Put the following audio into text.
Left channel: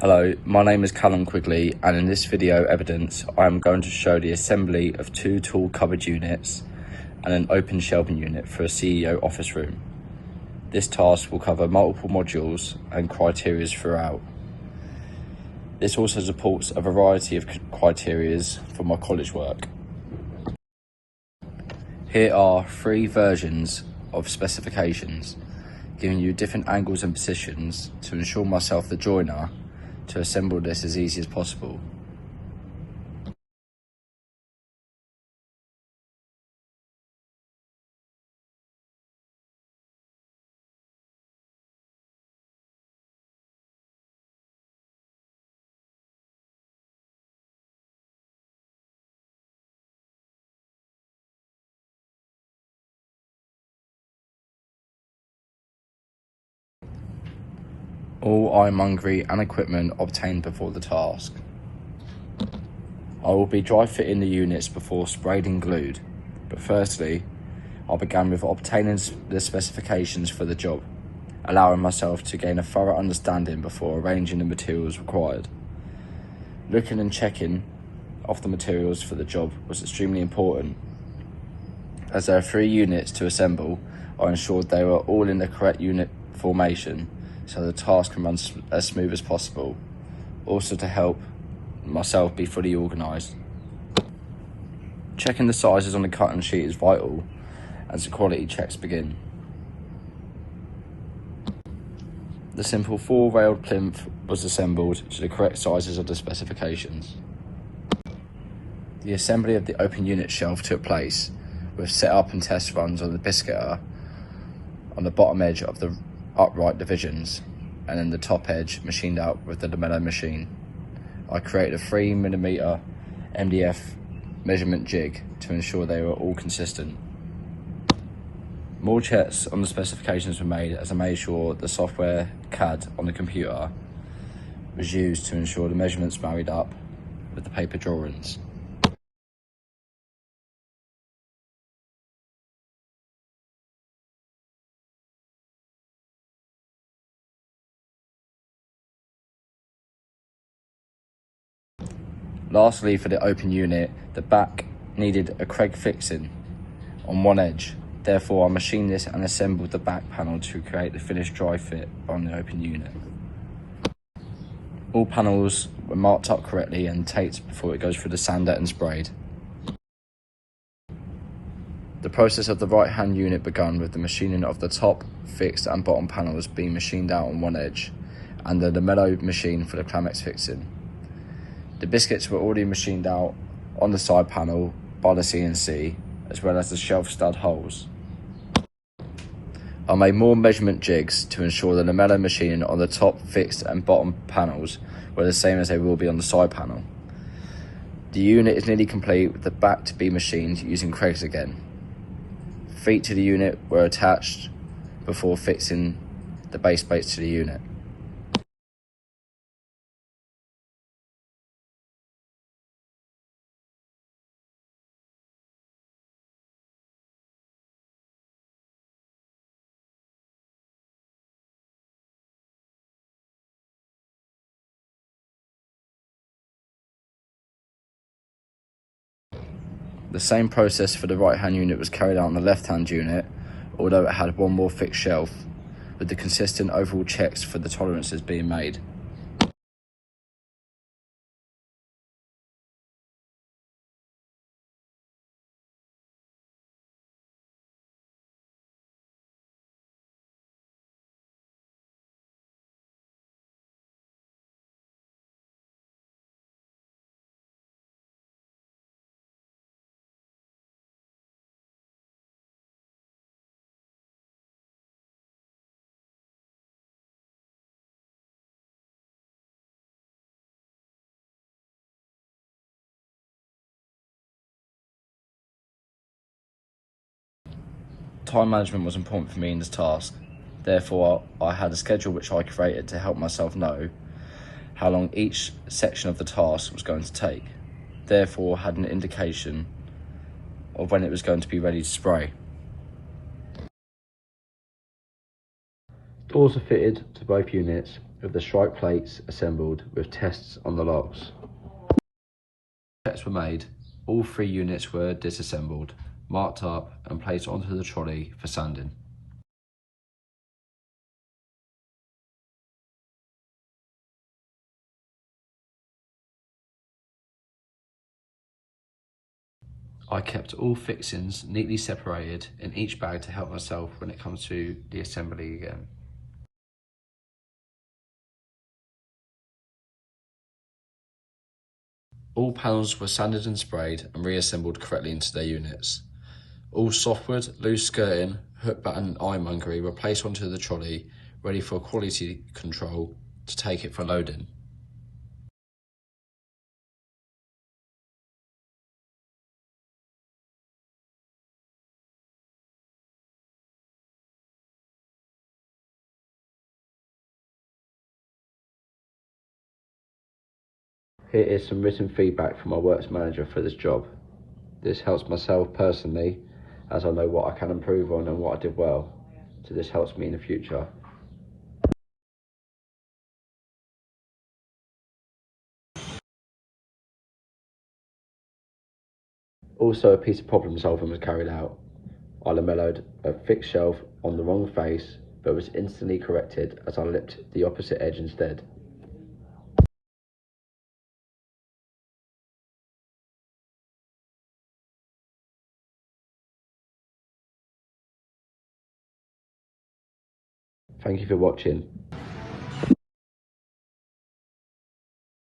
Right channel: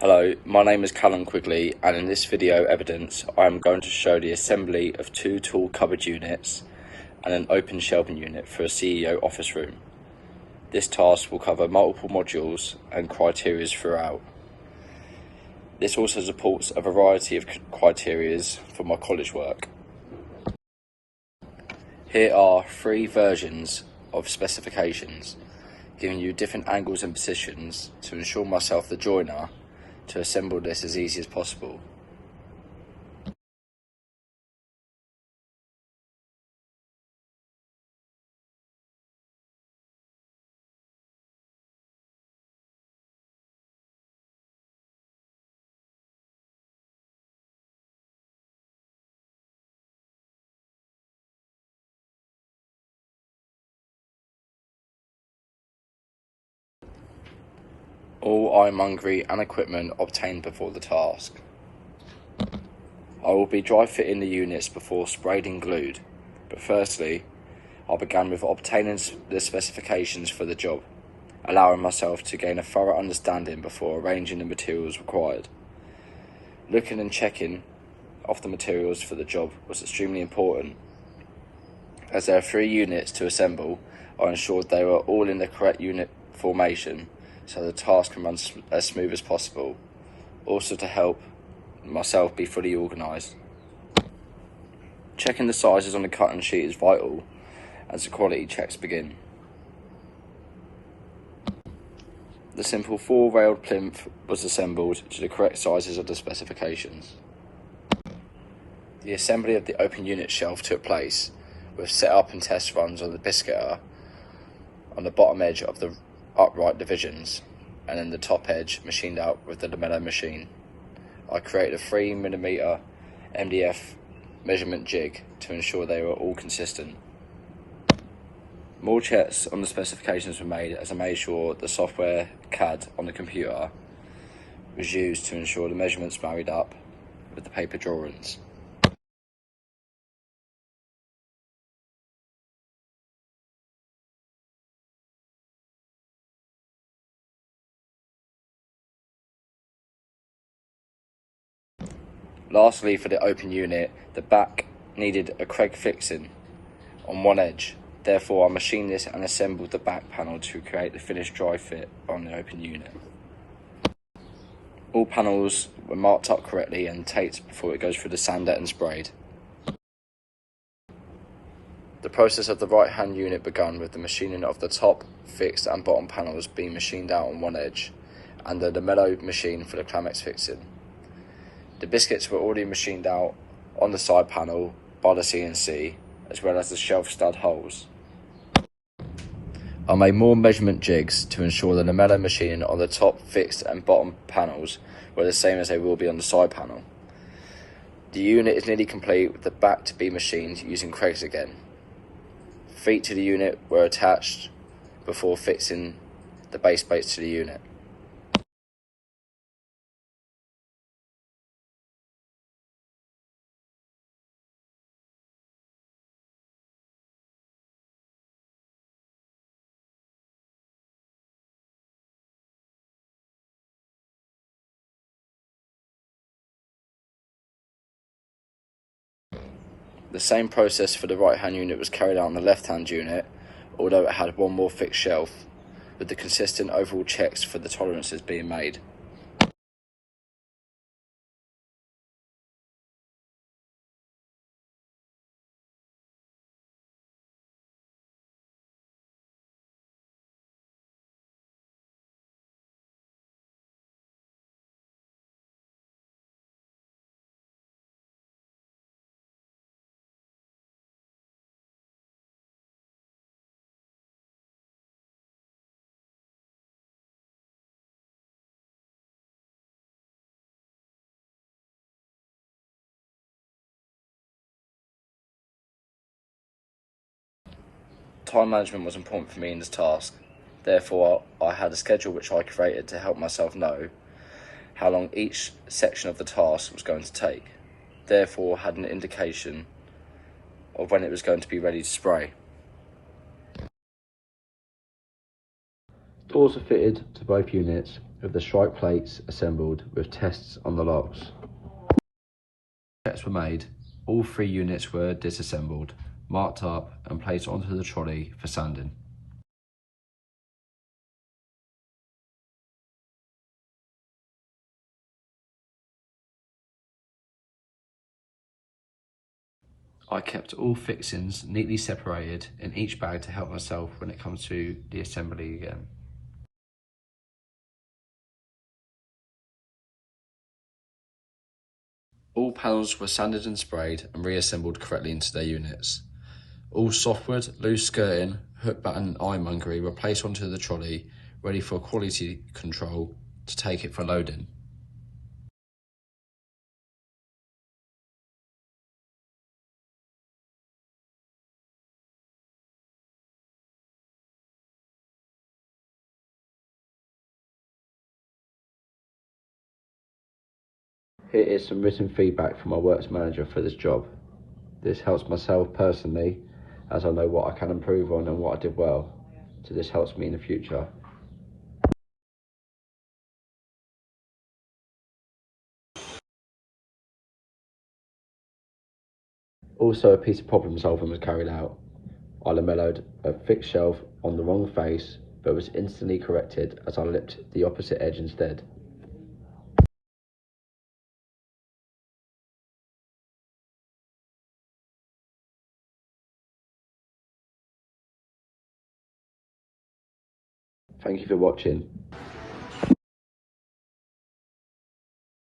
Hello, my name is Callum Quigley, and in this video evidence I am going to show the assembly of two tall cupboard units and an open shelving unit for a CEO office room. This task will cover multiple modules and criteria throughout. This also supports a variety of criteria for my college work. Here are three versions of specifications, giving you different angles and positions to ensure myself, the joiner, to assemble this as easy as possible. All ironmongery and equipment obtained before the task. I will be dry fitting the units before sprayed and glued, but firstly I began with obtaining the specifications for the job, allowing myself to gain a thorough understanding before arranging the materials required. Looking and checking of the materials for the job was extremely important. As there are 3 units to assemble, I ensured they were all in the correct unit formation so the task can run as smooth as possible, also to help myself be fully organised. Checking the sizes on the cutting sheet is vital as the quality checks begin. The simple full railed plinth was assembled to the correct sizes of the specifications. The assembly of the open unit shelf took place with set up and test runs on the biscuiter on the bottom edge of the upright divisions, and then the top edge machined out with the lamello machine. I created a 3mm MDF measurement jig to ensure they were all consistent. More checks on the specifications were made as I made sure the software CAD on the computer was used to ensure the measurements married up with the paper drawings. Lastly, for the open unit, the back needed a Craig fixing on one edge. Therefore, I machined this and assembled the back panel to create the finished dry fit on the open unit. All panels were marked up correctly and taped before it goes through the sander and sprayed. The process of the right hand unit began with the machining of the top, fixed and bottom panels being machined out on one edge, and the lamello machine for the Climax fixing. The biscuits were already machined out on the side panel by the CNC, as well as the shelf stud holes. I made more measurement jigs to ensure the lamello machine on the top, fixed and bottom panels were the same as they will be on the side panel. The unit is nearly complete with the back to be machined using Craigs again. Feet to the unit were attached before fixing the base plates to the unit. The same process for the right hand unit was carried out on the left hand unit, although it had one more fixed shelf, with the consistent overall checks for the tolerances being made. Time management was important for me in this task. Therefore, I had a schedule which I created to help myself know how long each section of the task was going to take. Therefore, I had an indication of when it was going to be ready to spray. Tools are fitted to both units with the strike plates assembled with tests on the locks. Checks were made. All 3 units were disassembled, marked up and placed onto the trolley for sanding. I kept all fixings neatly separated in each bag to help myself when it comes to the assembly again. All panels were sanded and sprayed and reassembled correctly into their units. All softwood, loose skirting, hook batten and ironmongery were placed onto the trolley, ready for quality control to take it for loading. Here is some written feedback from my works manager for this job. This helps myself personally, as I know what I can improve on and what I did well, so this helps me in the future. Also, a piece of problem solving was carried out. I lamelloed a fixed shelf on the wrong face, but was instantly corrected as I lipped the opposite edge instead. Thank you for watching.